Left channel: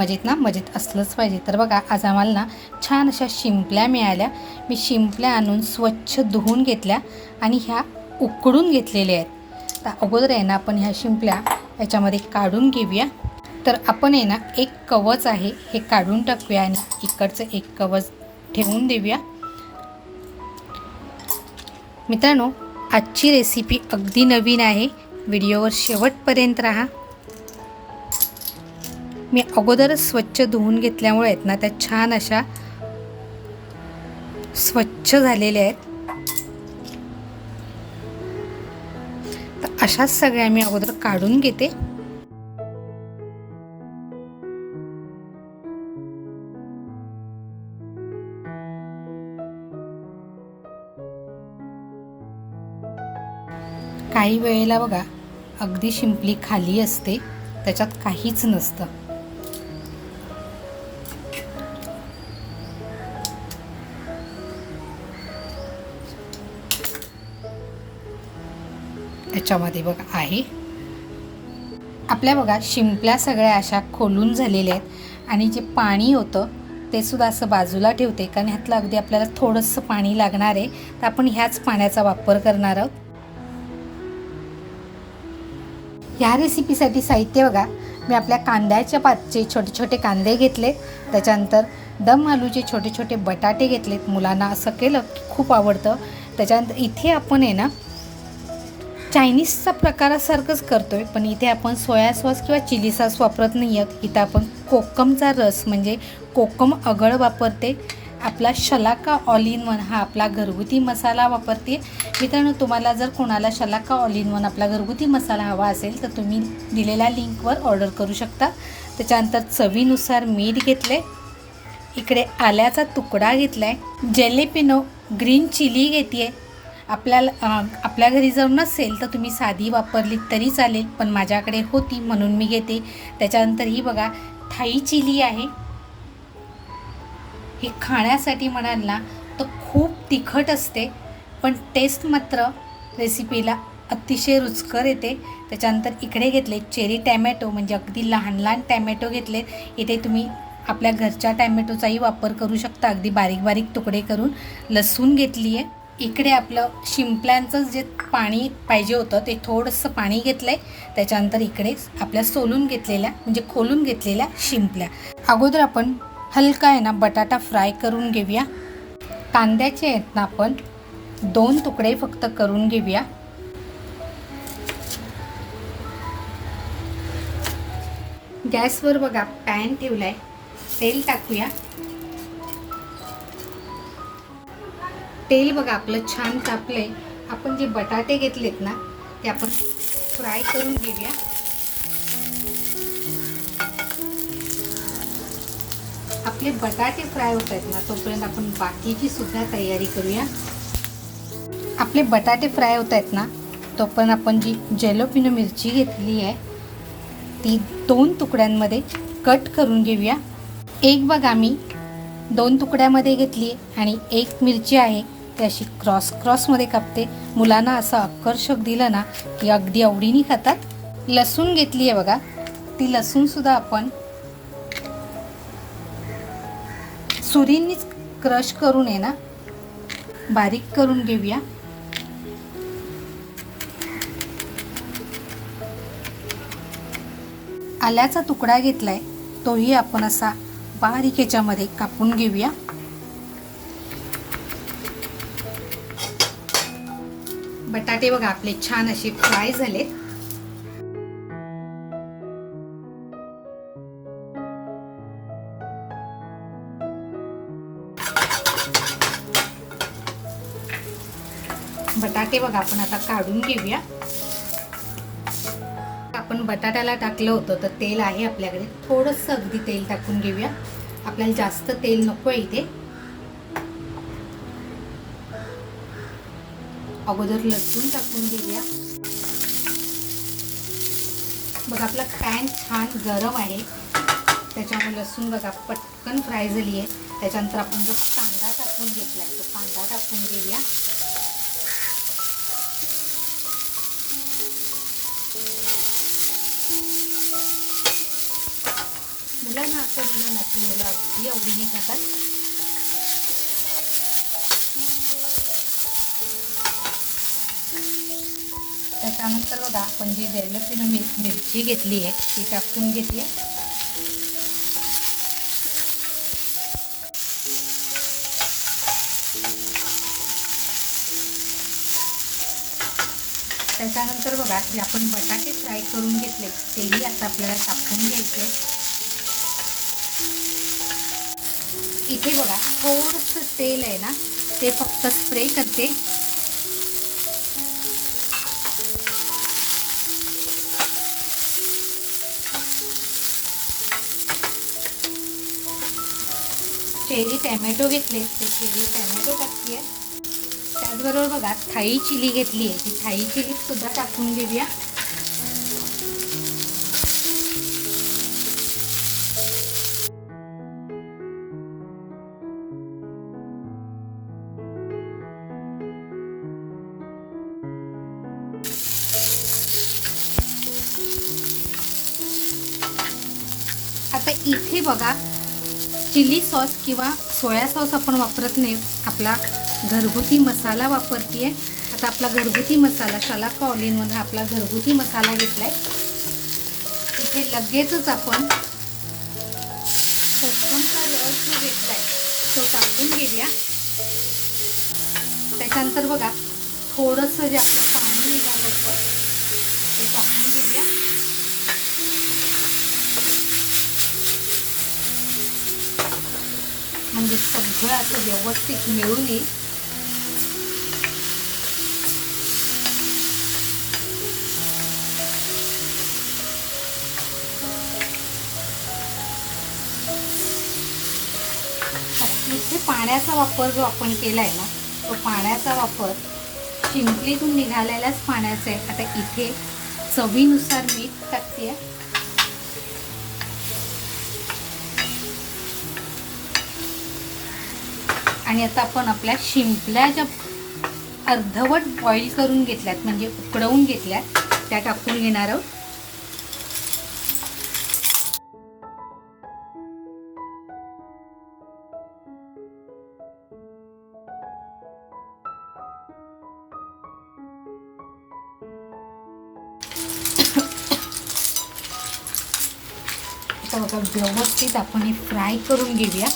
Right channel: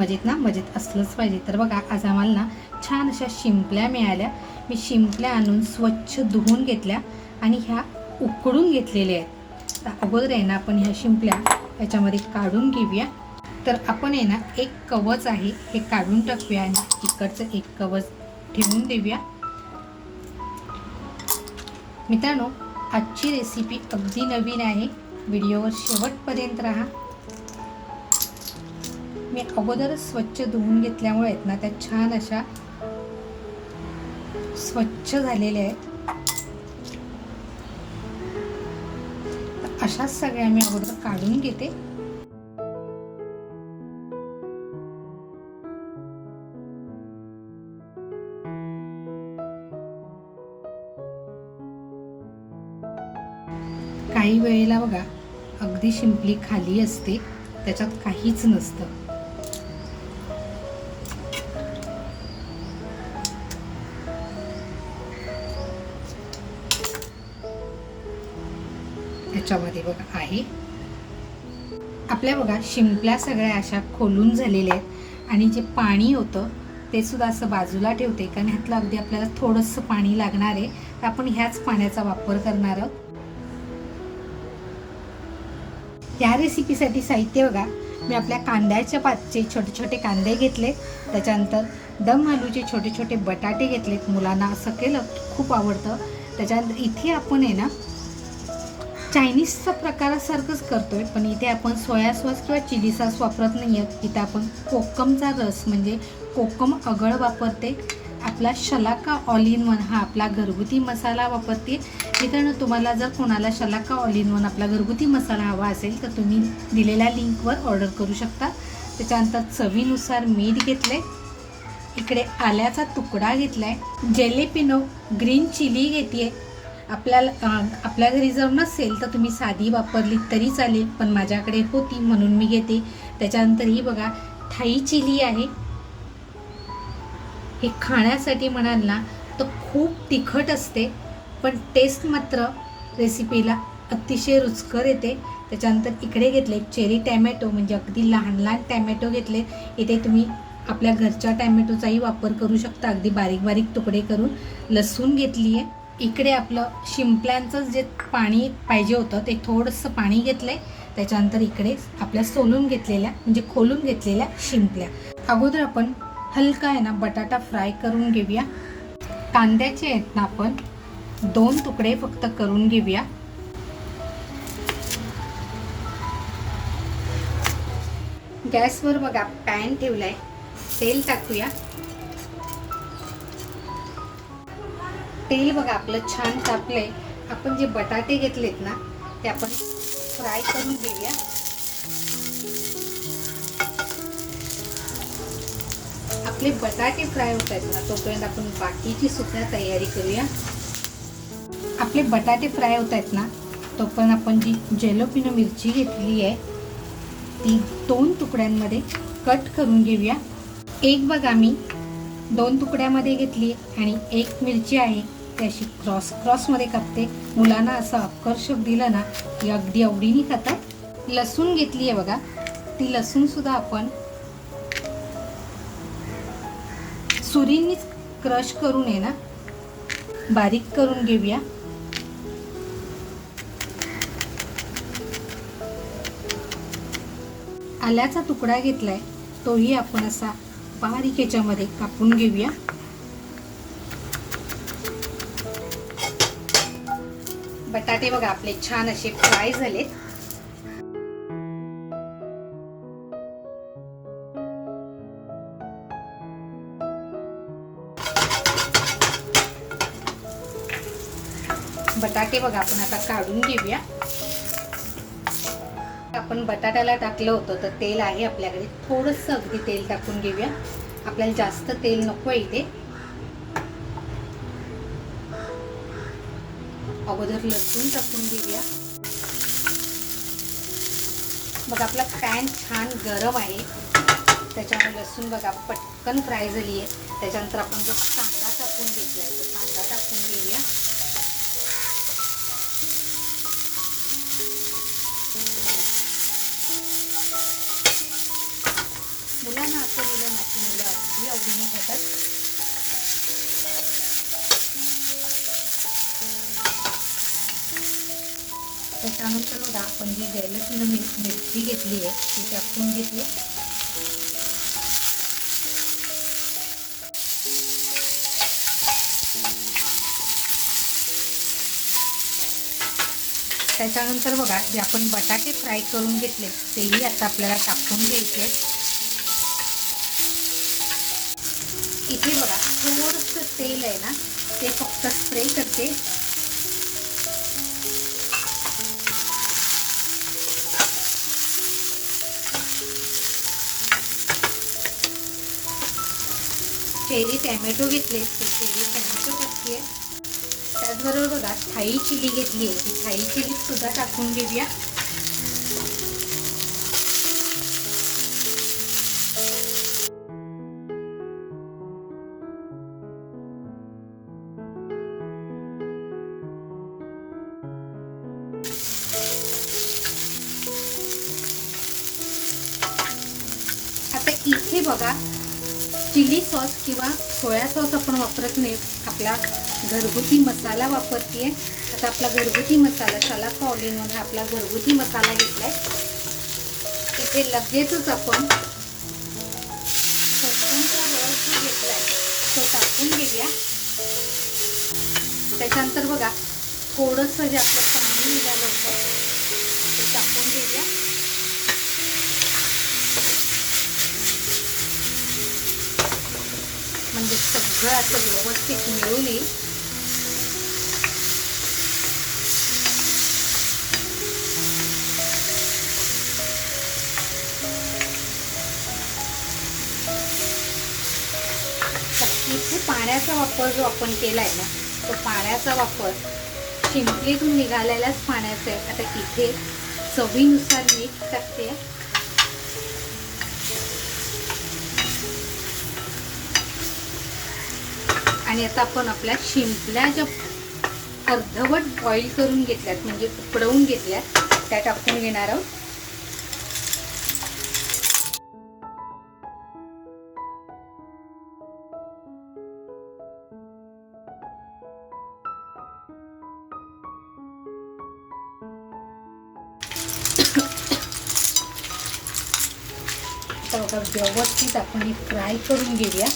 मजेत ना, मजेत असलंच पाहिजे. तर बघा, आज आम्हाला ना छान अशा शिंपल्या मिळाल्या. मी शिंपल्या आणून स्वच्छ धुवून घेतल्या आणि ह्या उकडून घेतलेल्या आहेत. तर अगोदर आहे ना आपण ह्या शिंपल्या याच्यामध्ये काढून घेऊया. तर आपण आहे ना एक कवच आहे हे काढून टाकूया आणि इकडचं एक कवच ठेवून देऊया. मित्रांनो, आजची रेसिपी अगदी नवीन आहे. व्हिडिओवर शेवटपर्यंत राहा. मी अगोदरच स्वच्छ धुवून घेतल्यामुळे आहेत ना त्या छान अशा स्वच्छ झालेल्या आहेत. तर अशाच सगळ्या मी अगोदर काढून घेते. काही वेळेला बघा, अगदी शिंपली खाली असते, त्याच्यात काहीच नसतं. याच्यामध्ये बघा आहे. आपल्या बघा शिंपल्या सगळ्या अशा खोलून झालेल्या आहेत आणि जे पाणी होतं ते सुद्धा असं बाजूला ठेवते, कारण ह्यातलं अगदी आपल्याला थोडंसं पाणी लागणार आहे. तर आपण ह्याच पाण्याचा वापर करणार आहोत. ह्या रेसिपीसाठी साहित्य बघा, मी आपल्या कांद्याच्या पातचे छोटे छोटे कांदे घेतले. त्याच्यानंतर दम आलूचे छोटे छोटे बटाटे घेतलेत. मुलांना असं केलं की खूप आवडतं. त्याच्यानंतर इथे आपण आहे ना चायनीजचा प्रकारासारखंच करतो आहे, पण इथे आपण सोया सॉस किंवा चिली सॉस वापरत नाही आहोत. इथं आपण कोकमचा रस म्हणजे कोकम अगळ वापरते. आपला शलाका ऑल इन वन हा आपला घरगुती मसाला वापरते. मित्रांनो, तुम्हाला जर कोणाला शलाका ऑल इन वन आपला घरगुती मसाला हवा असेल तर तुम्ही दिलेल्या लिंकवर ऑर्डर करू शकता. त्याच्यानंतर चवीनुसार मीठ घेतलं आहे. इकडे आल्याचा तुकडा घेतला आहे. जेलेपिनो ग्रीन चिली घेते आहे. आपल्या घरी जर नसेल तर तुम्ही साधी वापरली तरी चालेल, पण माझ्याकडे होती म्हणून मी घेते. त्याच्यानंतर ही बघा थाई चिली आहे. हे खाण्यासाठी म्हणाल ना तर खूप तिखट असते, पण टेस्ट मात्र रेसिपीला अतिशय रुचकर येते. त्याच्यानंतर इकडे घेतले चेरी टॅमॅटो, म्हणजे अगदी लहान लहान टॅमॅटो घेतले. इथे तुम्ही आपल्या घरच्या टॅमॅटोचाही वापर करू शकता, अगदी बारीक बारीक तुकडे करून. लसूण घेतली आहे. इकडे आपलं शिंपल्यांचं जे पाणी पाहिजे होतं ते थोडंसं पाणी घेतलं आहे. त्याच्यानंतर इकडे आपल्या सोलून घेतलेल्या म्हणजे खोलून घेतलेल्या शिंपल्या. अगोदर आपण हलका आहे ना बटाटा फ्राय करून घेऊया. कांद्याचे आहेत ना आपण 2 तुकडे फक्त करून घेऊया. गॅसवर बघा पॅन ठेवलाय. तेल टाकूया. तेल बघा आपलं छान तापलंय. आपण जे बटाटे घेतलेत ना ते आपण फ्राय करून घेऊया. आपले बटाटे फ्राय होत आहेत ना तोपर्यंत आपण बाकीची सुद्धा तयारी करूया. आपले बटाटे फ्राय होत आहेत ना तोपर्यंत आपण जी जेलोपिनो मिरची घेतली आहे ती 2 तुकड्यांमध्ये कट करून घेऊया. एक बघा मी 2 तुकड्यामध्ये घेतली आणि एक मिरची आहे ती अशी क्रॉसमध्ये कापते. मुलांना असं आकर्षक दिलं ना की अगदी आवडीने खातात. लसूण घेतली आहे बघा, ती लसूणसुद्धा आपण सुरीनीच क्रश करून आहे ना बारीक करून घेऊया. आल्याचा तुकडा घेतलाय, तोही आपण असा बारीक याच्यामध्ये कापून घेऊया. बटाटे बघा आपले छान असे फ्राय झाले. बटाटे बघा आपण आता काढून घेऊया. आपण बटाट्याला टाकलं होतं तर तेल आहे आपल्याकडे, थोडंसं अगदी तेल टाकून घेऊया. आपल्याला जास्त तेल नको आहे इथे. अगोदर लसूण टाकून घेऊया. बघा आपला पॅन छान गरम आहे, त्याच्यामुळे लसूण बघा पटकन फ्राय झाली आहे. त्याच्यानंतर आपण जो कांदा टाकून घेतला आहे तो कांदा टाकून घेऊया. मुलांना त्याच्यानंतर बघा आपण जी जैलसुरी मिरची घेतली आहे ती टाकून घेतली. त्याच्यानंतर बघा जे आपण बटाटे फ्राय करून घेतले तेही आता आपल्याला टाकून घ्यायचे. इथे बघा थोडंसं तेल आहे ना ते फक्त स्प्रे करते. चेरी टॅमॅटो घेतले ते चेरी टॅमॅटो टाकते. त्याचबरोबर बघा थाई चिली घेतली आहे ती थाई चिली सुद्धा टाकून घेऊया. आता इथे बघा चिली सॉस किंवा सोया सॉस आपण वापरत नाही, आपला घरगुती मसाला वापरते. आता आपला घरगुती मसाला शलाका ऑल इन वन आपला घरगुती मसाला घेतलाय. इथे लगेचच आपण कोकमचा रस घेतलाय तो टाकून घेऊया. त्याच्यानंतर बघा थोडंसं जे आपलं पाणी निघालं होतं ते टाकून घेऊया. म्हणजे सगळं असं व्यवस्थित मिळून येईल. इथे पाण्याचा वापर जो आपण केलाय ना तो पाण्याचा वापर शिंपलीतून निघालेल्याच पाण्याचा आहे. आता इथे चवीनुसार मीठ टाकते. आणि आता आपण आपल्या शिंपल्या ज्या अर्धवट बॉईल करून घेतल्यात म्हणजे उकडवून घेतल्यात त्या टाकून घेणार आहोत. आता बघा व्यवस्थित आपण हे फ्राय करून घेऊया.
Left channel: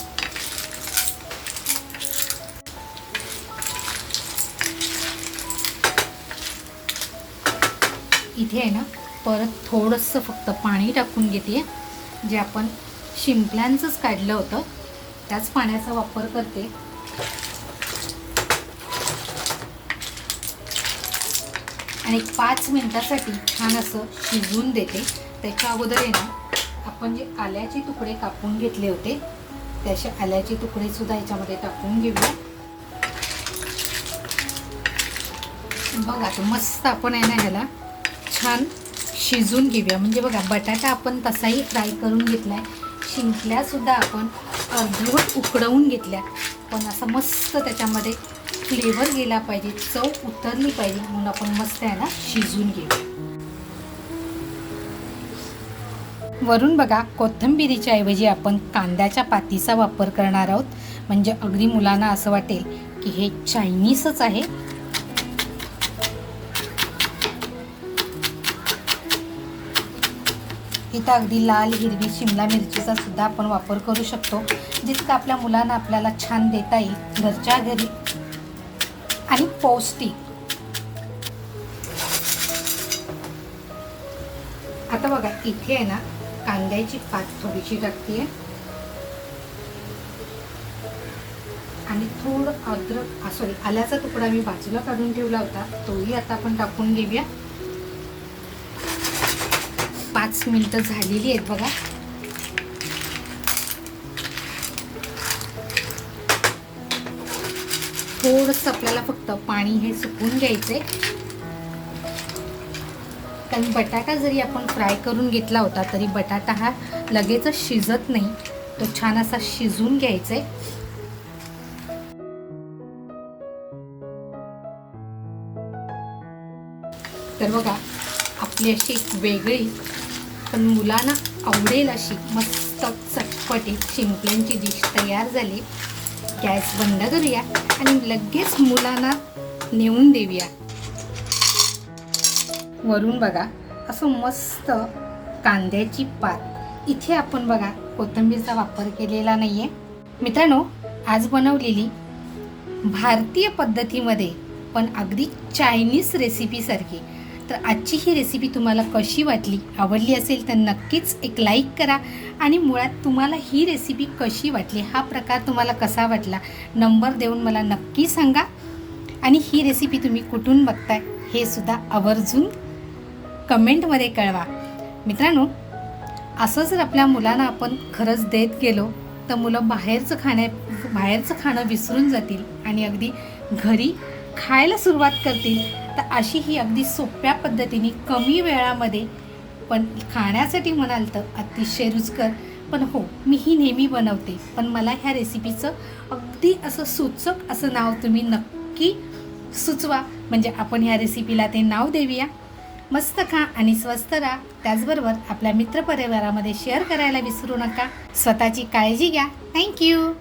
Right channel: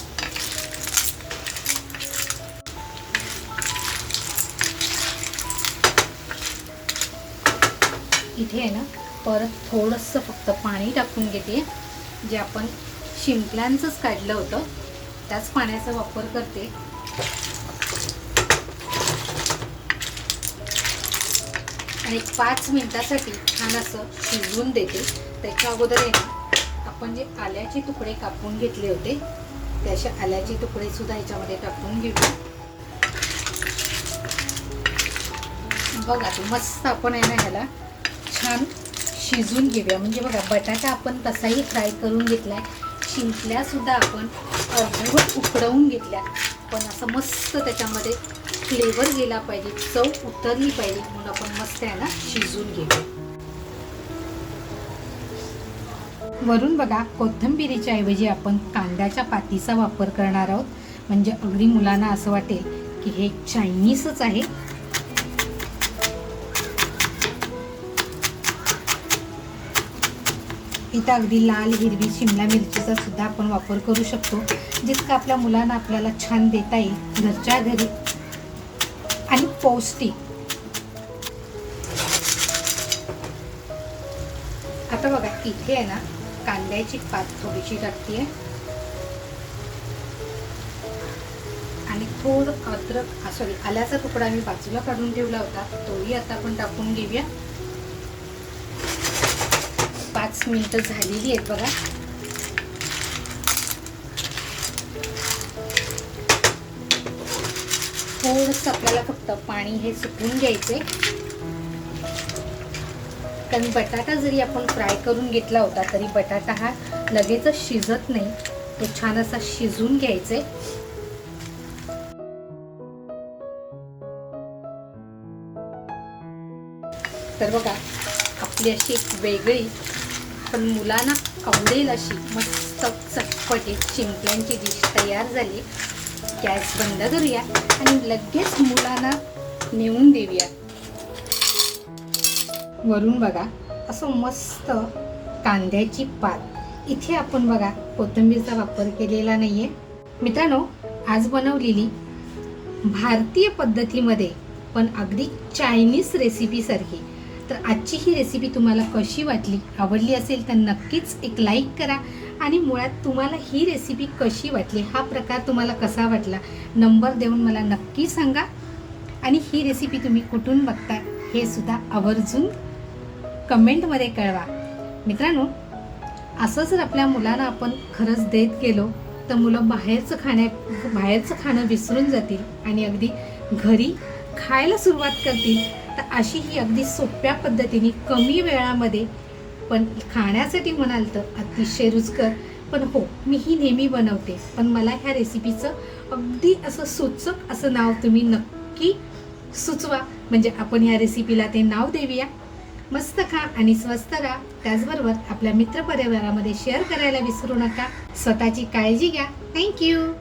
इथे आहे ना परत थोडंसं फक्त पाणी टाकून घेते. जे आपण शिंपल्यांचंच काढलं होतं त्याच पाण्याचा वापर करते. आणि 5 मिनिटासाठी छान असं शिजवून देते. त्याच्या अगोदर आहे ना आपण जे आल्याचे तुकडे कापून घेतले होते ते असे आल्याचे तुकडे सुद्धा याच्यामध्ये टाकून घेऊया. बघा तो मस्त आपण आहे ना ह्याला छान शिजवून घेऊया. म्हणजे बघा बटाटा आपण तसाही फ्राय करून घेतलाय, शिंपल्या सुद्धा आपण अर्धवट उकडवून घेतल्या, पण असं मस्त त्याच्यामध्ये फ्लेवर गेला पाहिजे, चव उतरली पाहिजे म्हणून आपण मस्त आहे ना शिजवून घेऊया. वरून बघा कोथिंबिरीच्या ऐवजी आपण कांद्याच्या पातीचा वापर करणार आहोत. म्हणजे अगदी मुलांना असं वाटेल की हे चायनीजच आहे. इथं अगदी लाल हिरवी शिमला मिरचीचा सुद्धा आपण वापर करू शकतो, जितकं आपल्या मुलांना आपल्याला छान देता येईल घरच्या घरी आणि पौष्टिक. आता बघा इथे आहे ना कांद्याची पात थोडीशी टाकते आणि थोडं अद्रक सॉरी आल्याचा तुकडा मी बाजूला काढून ठेवला होता तोही आता आपण टाकून घेऊया. 5 मिनिटं झालेली आहेत बघा. थोडंसं आपल्याला फक्त पाणी हे सुकवून घ्यायचे, कारण बटाटा जरी आपण फ्राय करून घेतला होता तरी बटाटा हा लगेचच शिजत नाही, तो छान असा शिजवून घ्यायचे. तर बघा आपली अशी एक वेगळी पण मुलांना आवडेल अशी मस्त चटपटीत शिंपल्यांची डिश तयार झाली. गॅस बंद करूया आणि लगेच मुलांना नेऊन देऊया. वरून बघा असं मस्त कांद्याची पात, इथे आपण बघा कोथिंबीरचा वापर केलेला नाहीये. मित्रांनो, आज बनवलेली भारतीय पद्धतीमध्ये पण अगदी चायनीज रेसिपी सारखी. तर आजची ही रेसिपी तुम्हाला कशी वाटली, आवडली असेल तर नक्कीच एक लाईक करा. आणि मुळात तुम्हाला ही रेसिपी कशी वाटली, हा प्रकार तुम्हाला कसा वाटला, नंबर देऊन मला नक्की सांगा. आणि ही रेसिपी तुम्ही कुठून बघताय हे सुद्धा आवर्जून कमेंटमध्ये कळवा. मित्रांनो, असं जर आपल्या मुलांना आपण खरंच देत गेलो तर मुलं बाहेरचं खाणं विसरून जातील आणि अगदी घरी खायला सुरुवात करतील. तर अशी ही अगदी सोप्या पद्धतीने कमी वेळामध्ये पण खाण्यासाठी म्हणाल तर अतिशय रुचकर. पण हो, मी ही नेहमी बनवते, पण मला ह्या रेसिपीचं अगदी असं सूचक असं नाव तुम्ही नक्की सुचवा, म्हणजे आपण ह्या रेसिपीला ते नाव देऊया. मस्त खा आणि स्वस्त राहा. त्याचबरोबर आपल्या मित्रपरिवारामध्ये शेअर करायला विसरू नका. स्वतःची काळजी घ्या. थँक्यू.